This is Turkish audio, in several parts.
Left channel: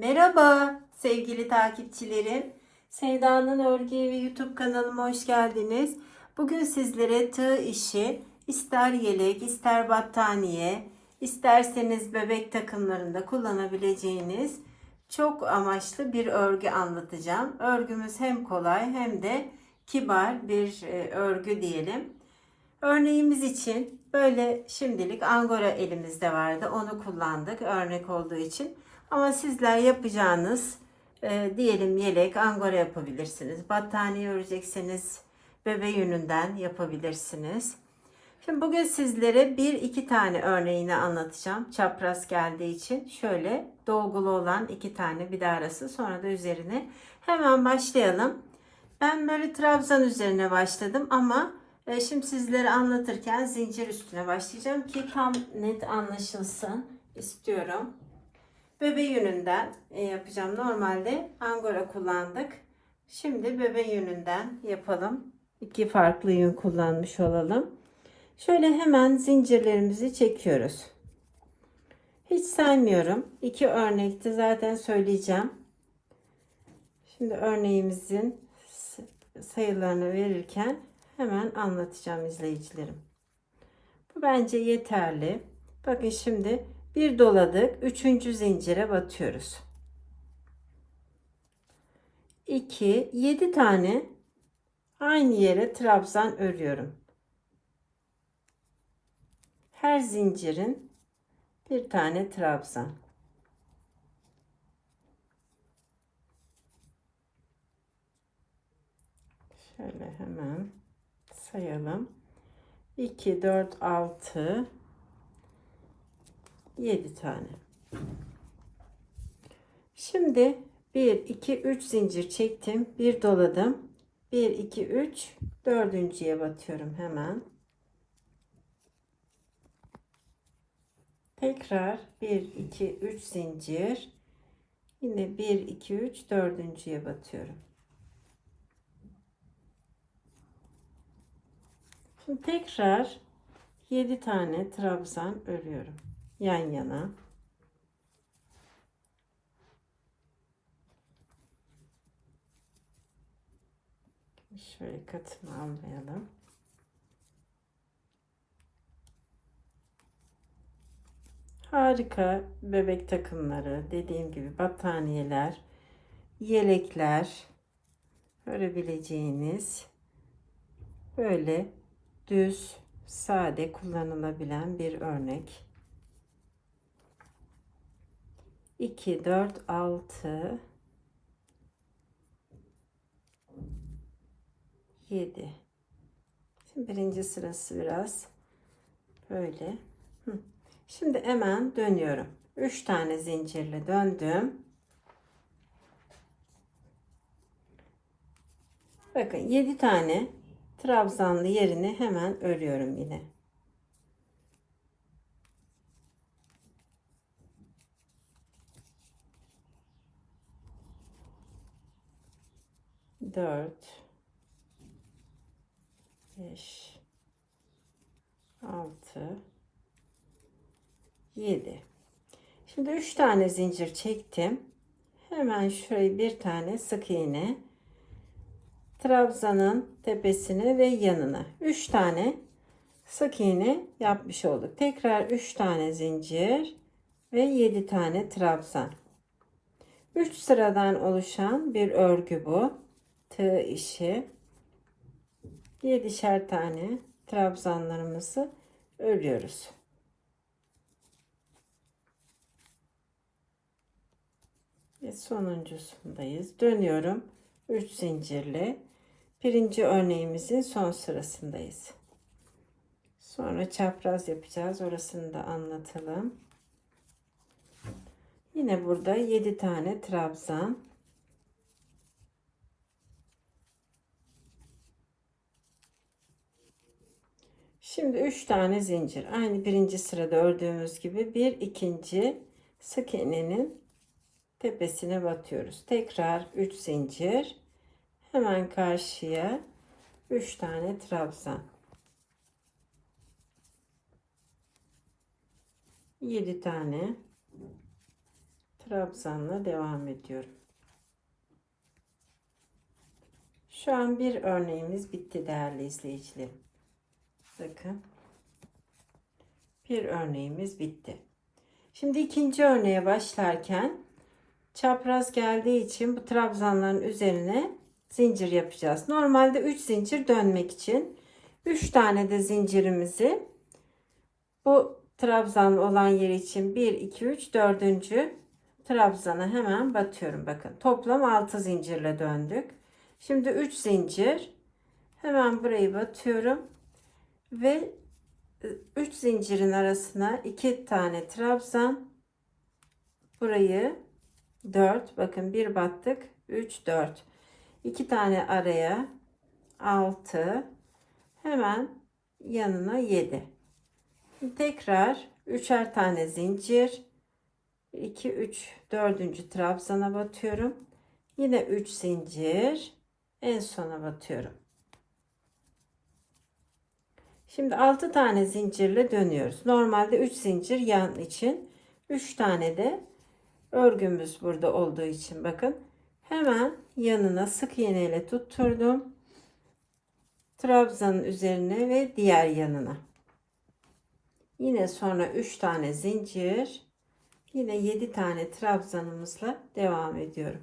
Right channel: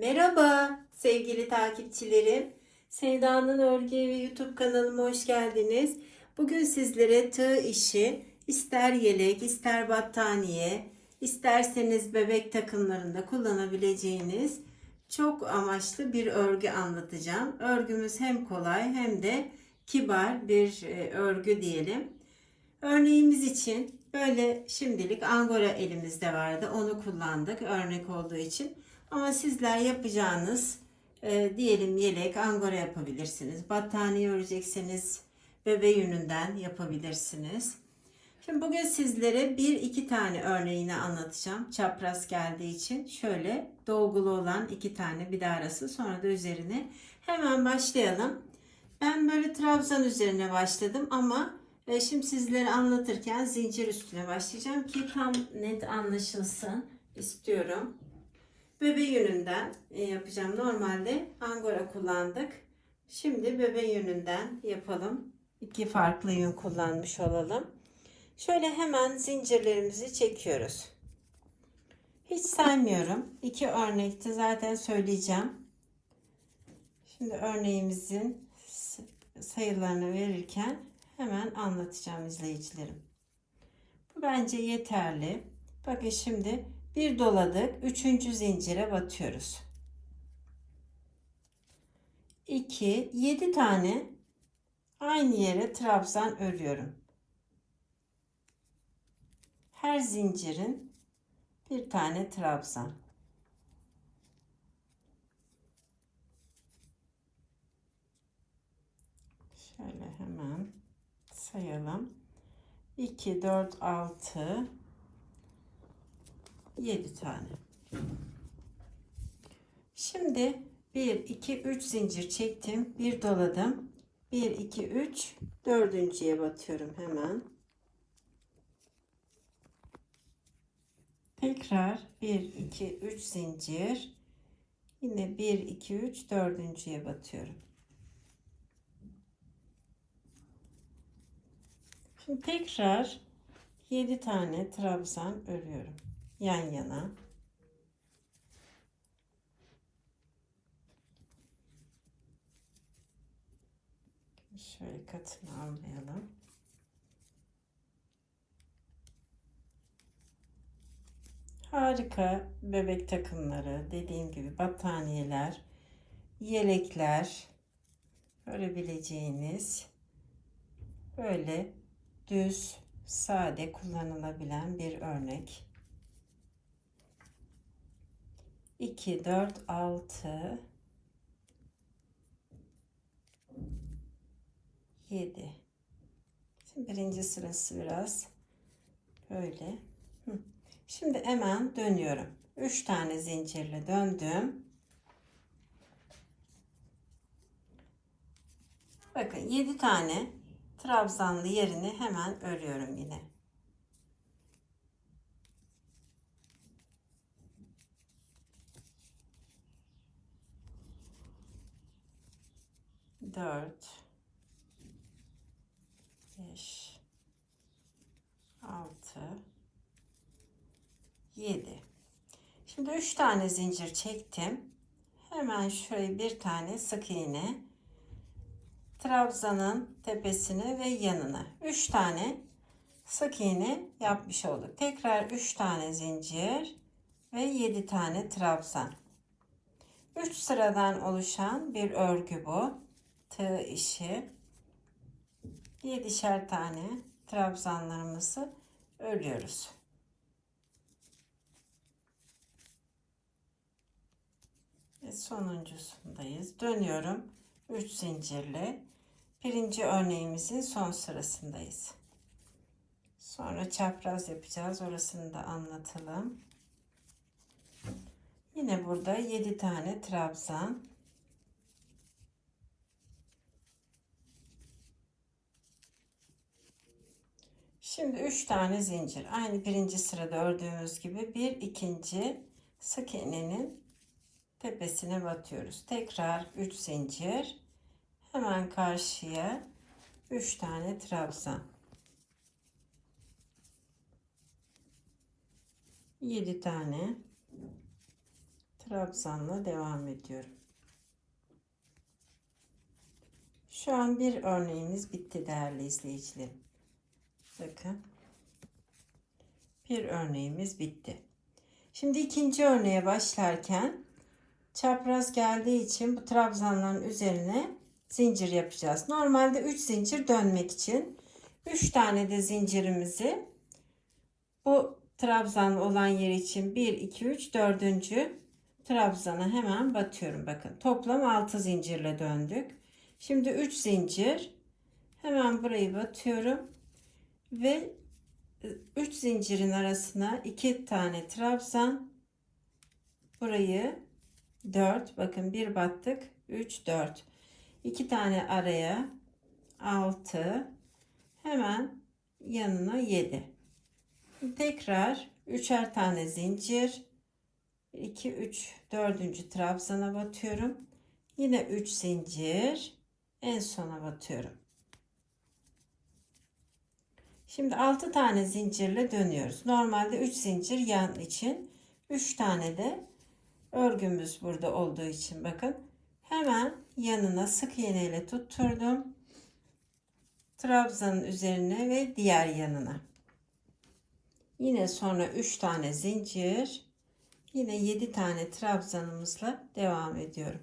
Merhaba sevgili takipçilerim. Sevda'nın Örgü Evi YouTube kanalıma hoş geldiniz. Bugün sizlere tığ işi, ister yelek, ister battaniye, isterseniz bebek takımlarında kullanabileceğiniz çok amaçlı bir örgü anlatacağım. Örgümüz hem kolay hem de kibar bir e, örgü diyelim. Örneğimiz için böyle şimdilik angora elimizde vardı. Onu kullandık örnek olduğu için. Ama sizler yapacağınız e, diyelim yelek angora yapabilirsiniz. Battaniye örecekseniz bebe yününden yapabilirsiniz. Şimdi bugün sizlere bir iki tane örneğini anlatacağım. Çapraz geldiği için şöyle dolgulu olan iki tane bir de arası sonra da üzerine hemen başlayalım. Ben böyle trabzan üzerine başladım ama e, şimdi sizlere anlatırken zincir üstüne başlayacağım ki tam net anlaşılsın istiyorum. Bebe yününden e, yapacağım. Normalde angora kullandık. Şimdi bebe yününden yapalım. İki farklı yün kullanmış olalım. Şöyle hemen zincirlerimizi çekiyoruz. Hiç saymıyorum. İki örnekte zaten söyleyeceğim. Şimdi örneğimizin sayılarını verirken hemen anlatacağım izleyicilerim. Bu bence yeterli. Bakın şimdi bir doladık. Üçüncü zincire batıyoruz. 2, 7 tane aynı yere trabzan örüyorum. Her zincirin bir tane trabzan. Şöyle hemen sayalım. 2, 4, 6, 7 tane. Şimdi 1, 2, 3 zincir çektim. Bir doladım. 1, 2, 3, dördüncüye batıyorum hemen. Tekrar 1, 2, 3 zincir. Yine 1, 2, 3, dördüncüye batıyorum. Şimdi tekrar 7 tane trabzan örüyorum yan yana. Şöyle katını almayalım. Harika bebek takımları, dediğim gibi battaniyeler, yelekler örebileceğiniz böyle düz, sade kullanılabilen bir örnek. 2, 4, 6, 7. Şimdi birinci sırası biraz böyle. Şimdi hemen dönüyorum. 3 tane zincirle döndüm. Bakın 7 tane trabzanlı yerini hemen örüyorum yine. Dört, beş, altı, yedi. Şimdi üç tane zincir çektim. Hemen şöyle bir tane sık iğne trabzanın tepesine ve yanına 3 tane sık iğne yapmış olduk. Tekrar 3 tane zincir ve 7 tane trabzan. 3 sıradan oluşan bir örgü bu. Tığ işi. 7'şer tane trabzanlarımızı örüyoruz. Ve sonuncusundayız. Dönüyorum. 3 zincirle birinci örneğimizin son sırasındayız. Sonra çapraz yapacağız. Orasını da anlatalım. Yine burada 7 tane trabzan. Şimdi 3 tane zincir. Aynı birinci sırada ördüğümüz gibi bir ikinci sık iğnenin tepesine batıyoruz. Tekrar 3 zincir. Hemen karşıya 3 tane trabzan. 7 tane trabzanla devam ediyorum. Şu an bir örneğimiz bitti değerli izleyicilerim. Bakın. Bir örneğimiz bitti. Şimdi ikinci örneğe başlarken çapraz geldiği için bu trabzanların üzerine zincir yapacağız. Normalde 3 zincir dönmek için 3 tane de zincirimizi bu trabzan olan yer için 1 2 3 4. trabzana hemen batıyorum bakın. Toplam 6 zincirle döndük. Şimdi 3 zincir hemen burayı batıyorum ve 3 zincirin arasına 2 tane trabzan. Burayı 4 bakın bir battık 3 4 2 tane araya 6 hemen yanına 7 tekrar üçer tane zincir. 2 3 4. trabzana batıyorum. Yine 3 zincir en sona batıyorum Şimdi 6 tane zincirle dönüyoruz. Normalde 3 zincir yan için 3 tane de örgümüz burada olduğu için bakın hemen yanına sık iğne ile tutturdum. Trabzanın üzerine ve diğer yanına. Yine sonra 3 tane zincir. Yine 7 tane trabzanımızla devam ediyorum.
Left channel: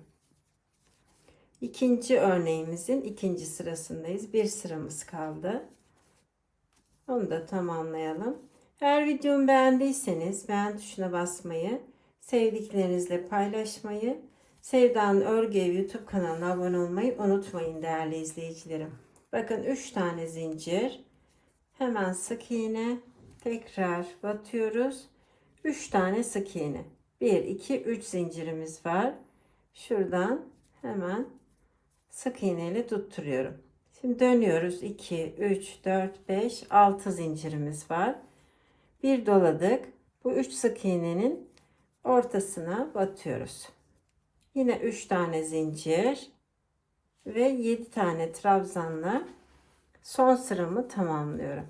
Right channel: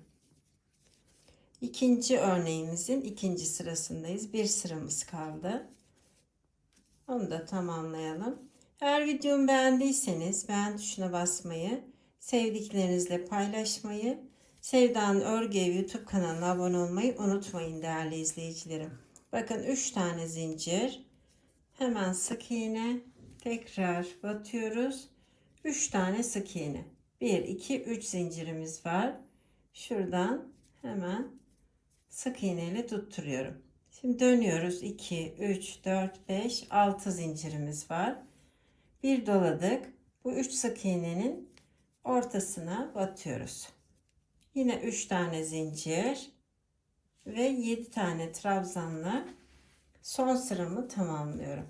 İkinci örneğimizin ikinci sırasındayız. Bir sıramız kaldı. Onu da tamamlayalım. Eğer videomu beğendiyseniz beğen tuşuna basmayı, sevdiklerinizle paylaşmayı, Sevda'nın Örgü YouTube kanalına abone olmayı unutmayın değerli izleyicilerim. Bakın 3 tane zincir. Hemen sık iğne. Tekrar batıyoruz. 3 tane sık iğne. 1, 2, 3 zincirimiz var. Şuradan hemen sık iğne ile tutturuyorum. Şimdi dönüyoruz. 2, 3, 4, 5, 6 zincirimiz var. Bir doladık. Bu 3 sık iğnenin ortasına batıyoruz. Yine 3 tane zincir ve 7 tane trabzanla son sıramı tamamlıyorum.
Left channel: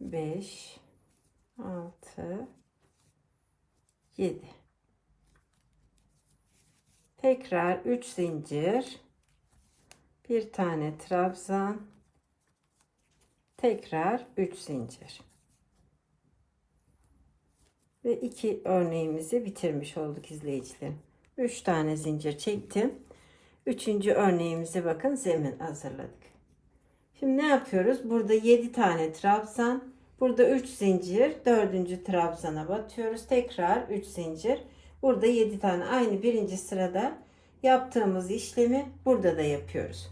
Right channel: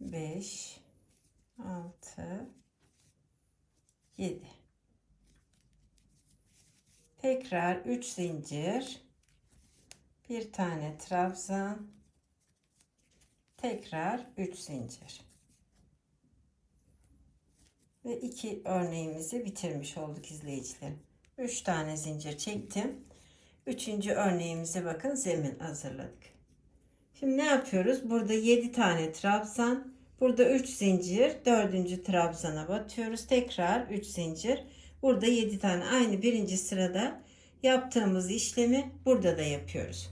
Beş, altı, yedi. Tekrar 3 zincir. Bir tane trabzan. Tekrar 3 zincir. Ve iki örneğimizi bitirmiş olduk izleyicilerim. 3 tane zincir çektim. Üçüncü örneğimizi bakın zemin hazırladık. Şimdi ne yapıyoruz? Burada 7 tane trabzan. Burada 3 zincir. Dördüncü trabzana batıyoruz. Tekrar 3 zincir. Burada 7 tane aynı birinci sırada yaptığımız işlemi burada da yapıyoruz.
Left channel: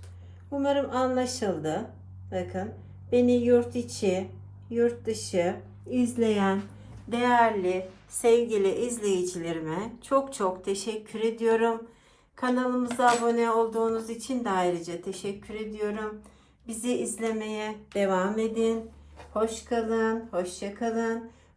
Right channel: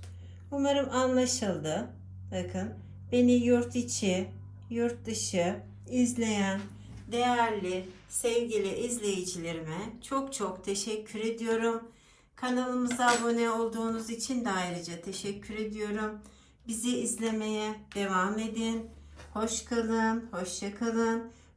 Umarım anlaşıldı. Bakın beni yurt içi, yurt dışı izleyen değerli sevgili izleyicilerime çok çok teşekkür ediyorum. Kanalımıza abone olduğunuz için de ayrıca teşekkür ediyorum. Bizi izlemeye devam edin. Hoş kalın, hoşça kalın